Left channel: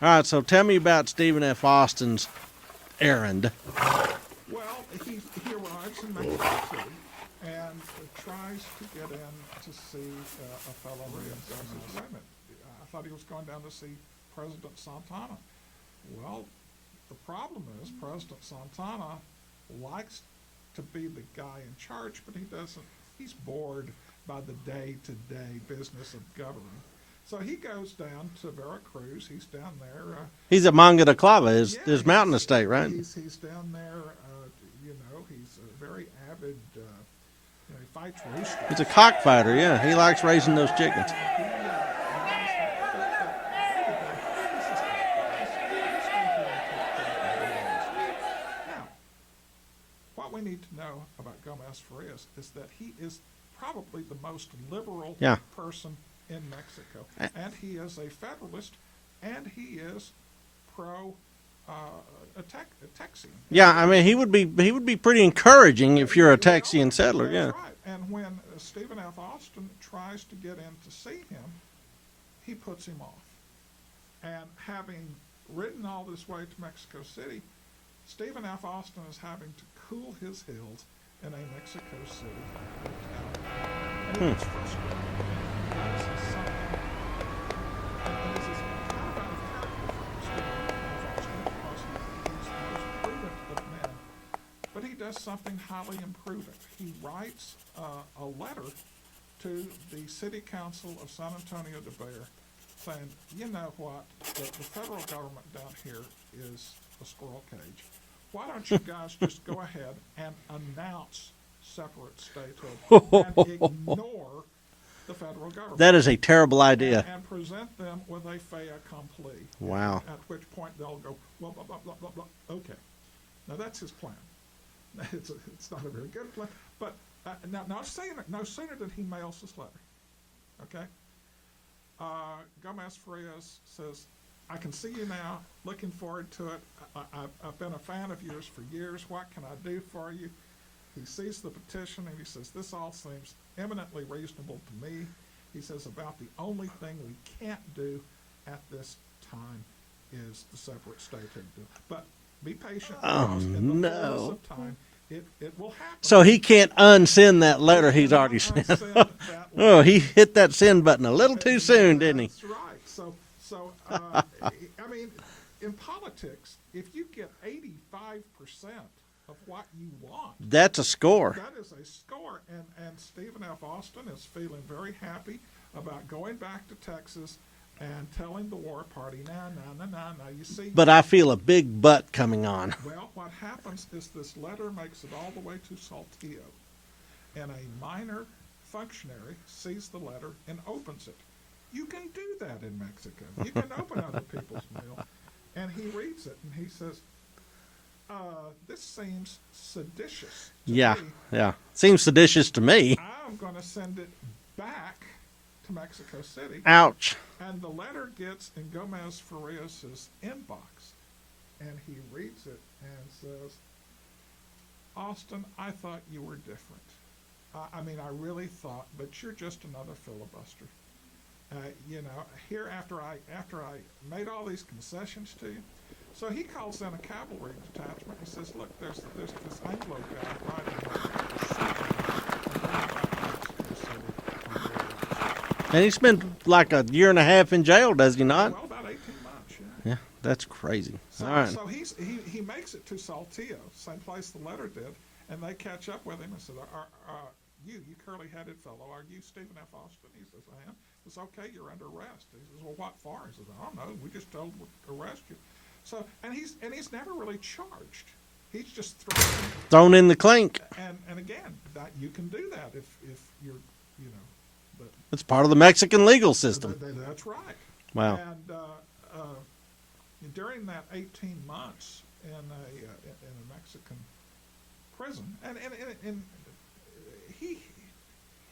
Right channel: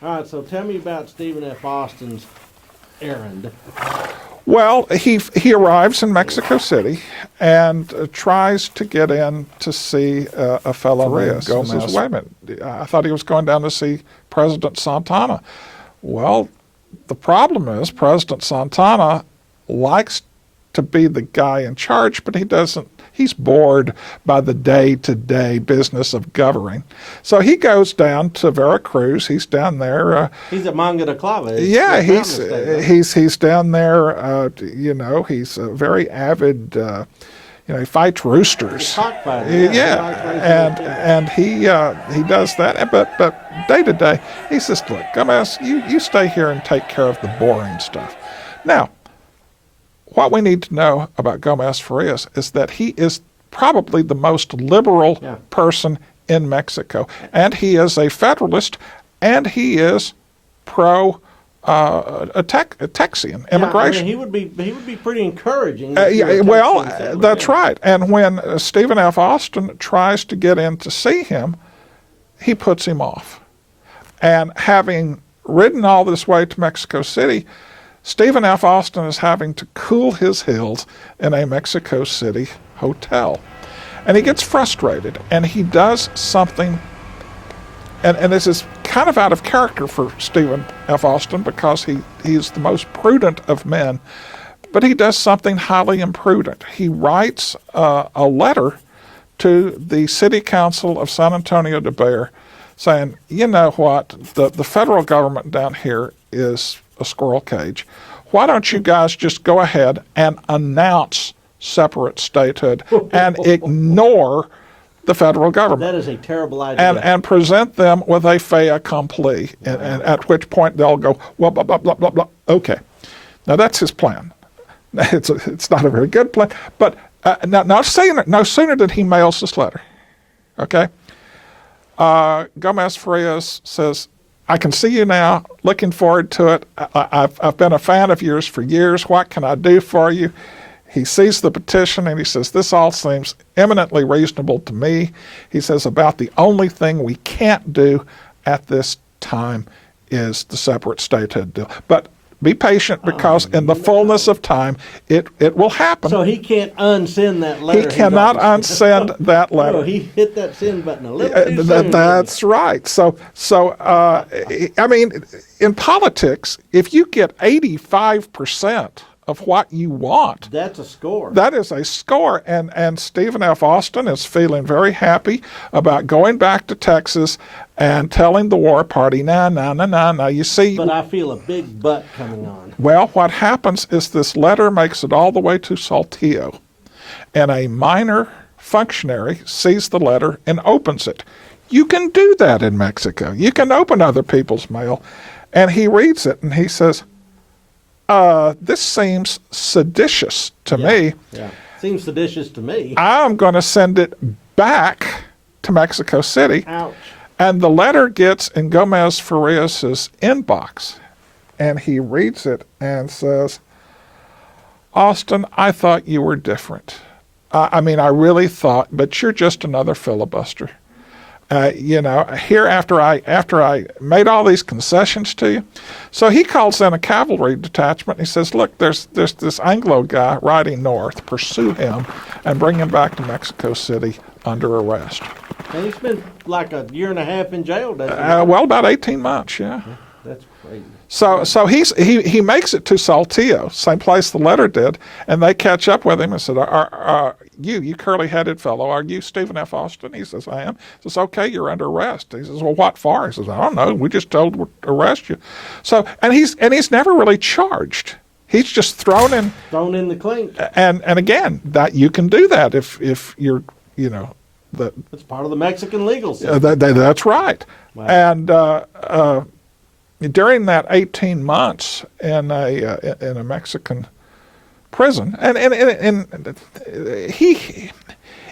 All right, so tell me about Stephen F. Austin's errand. Well, he arrives in Mexico City and tries to get in to see a fellow named Gomez. He says, wait a minute, I thought he was going down to see President Santana. Well, the problem is President Santana likes to be the guy in charge, but he doesn't. He's bored by the day-to-day business of governing. So he goes down to Veracruz. He's down there. He's at Manga de Clava. Yeah, Mountain State, right? he's down there. He's a very avid. He fights roosters. He's a cockfighter. Yeah, he likes racing those chickens. And he does that. But day to day, he says, "Look, Gomez, you stay here and take care of the boring stuff." Now, what we need to know about Gomez Farias is that he is probably the most liberal person in Mexico. And he is a Federalist, and he is pro Texian immigration. Yeah, I mean, he would be pretty encouraging if you're a Texian settler. That's right. And when Stephen F. Austin tries to get in to see him, he puts him off. And having ridden all this way to Mexico City, Stephen F. Austin is having to cool his heels in a Mexico City hotel. And he gets frustrated, and he does something, and this is kind of out of character for Stephen F. Austin because he's the most prudent of men, but he does something highly imprudent. He writes a letter to the City Council of San Antonio de Bexar saying, you know what, the federal government down here is a squirrel cage. Why don't you guys just go ahead and announce separate statehood and ignore the federal government? That is a terrible idea. And present them with a fait accompli, and at which point they'll go, well, blah, blah, blah, blah, blah. Okay. Now that's his plan. It's not a very good plan, but no sooner than he mails this letter, okay, Gomez Farias says, I can see you now, looking forward to it. I've been a fan of yours for years. What can I do for you? He sees the petition and he says, this all seems eminently reasonable to me. He says, about the only thing we can't do at this time is the separate statehood deal. But be patient because in the fullness of time, it will happen. So he can't unsend that letter. He cannot unsend that letter. Oh, he hit that send button a little too soon. That's right. So I mean, in politics, if you get 85% of what you want, that's a score. That is a score. And Stephen F. Austin is feeling very happy about going back to Texas and telling the war party, no, you see. But I feel a big but coming on. Well, what happens is this letter makes it all the way to Saltillo, and a minor functionary sees the letter and opens it. You can do that in Mexico. You can open other people's mail. And he reads it and he says, this seems seditious to me. Yeah, seems seditious to me. I'm going to send it back to Mexico City. Ouch. And the letter gets in Gomez Farias's inbox, and he reads it and says, Austin, I thought you were different. I mean, I really thought, but you're just another filibuster. Here after I made all these concessions to you. So he calls in a cavalry detachment. And he says, look, there's this Anglo guy riding north. Pursue him and bring him back to Mexico City under arrest. And he spent like a year and a half in jail, doesn't he not? Well, about 18 months, yeah. That's crazy. So he makes it to Saltillo, same place the letter did, and they catch up with him and said, you curly-headed fellow, are you Stephen F. Austin? He says, I am. He says, okay, you're under arrest. He says, well, what for? He says, I don't know. We just told to arrest you. So, and he's never really charged. He's just thrown in the clink. And again, that you can do that if you're, it's part of the Mexican legal system. That's right. Wow. And during that 18 months in a Mexican prison, and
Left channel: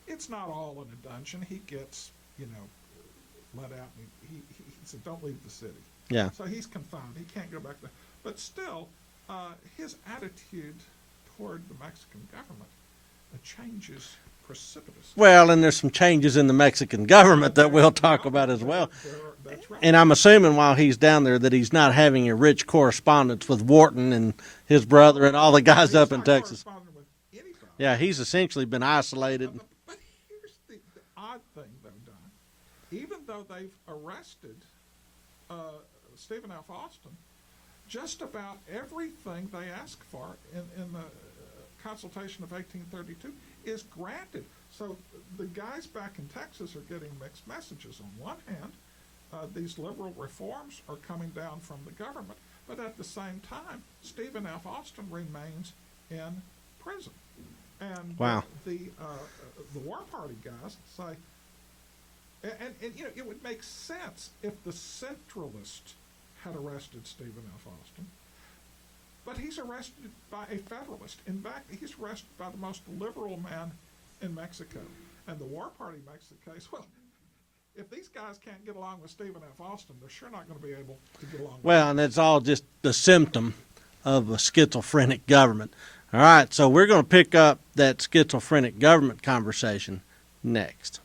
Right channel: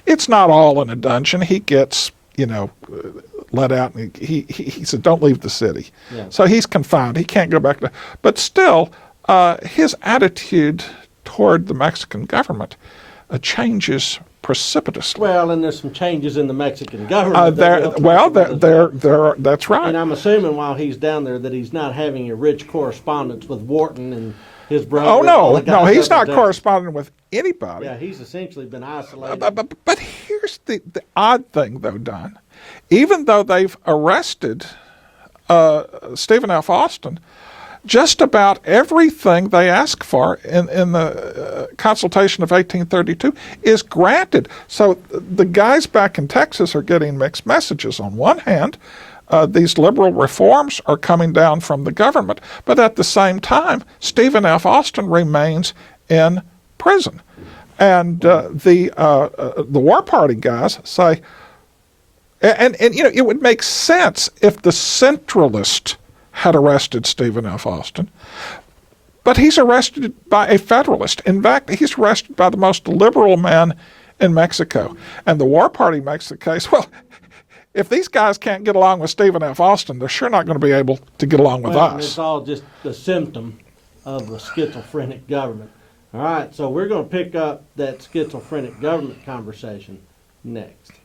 it's not all in a dungeon. He gets let out, and he said, "Don't leave the city." Yeah. So he's confined. He can't go back to. But still, his attitude toward the Mexican government changes precipitously. Well, and there's some changes in the Mexican government that we'll talk about as well. That's right. And I'm assuming while he's down there that he's not having a rich correspondence with Wharton and his brother. Oh, and all no, the guys no, up he's in not Texas. corresponding with anybody. Yeah, he's essentially been isolated. But here's the odd thing, though, Don. Even though they've arrested Stephen F. Austin, just about everything they ask for in the consultation of 1832 is granted. So the guys back in Texas are getting mixed messages. On one hand, these liberal reforms are coming down from the government, but at the same time, Stephen F. Austin remains in prison. And the War Party guys say, and you know, it would make sense if the centralist had arrested Stephen F. Austin, but he's arrested by a Federalist. In fact, he's arrested by the most liberal man in Mexico. And the War Party makes the case, well, if these guys can't get along with Stephen F. Austin, they're sure not going to be able to get along with us. And it's all just the symptom of a schizophrenic government. All right, so we're going to pick up that schizophrenic government conversation next.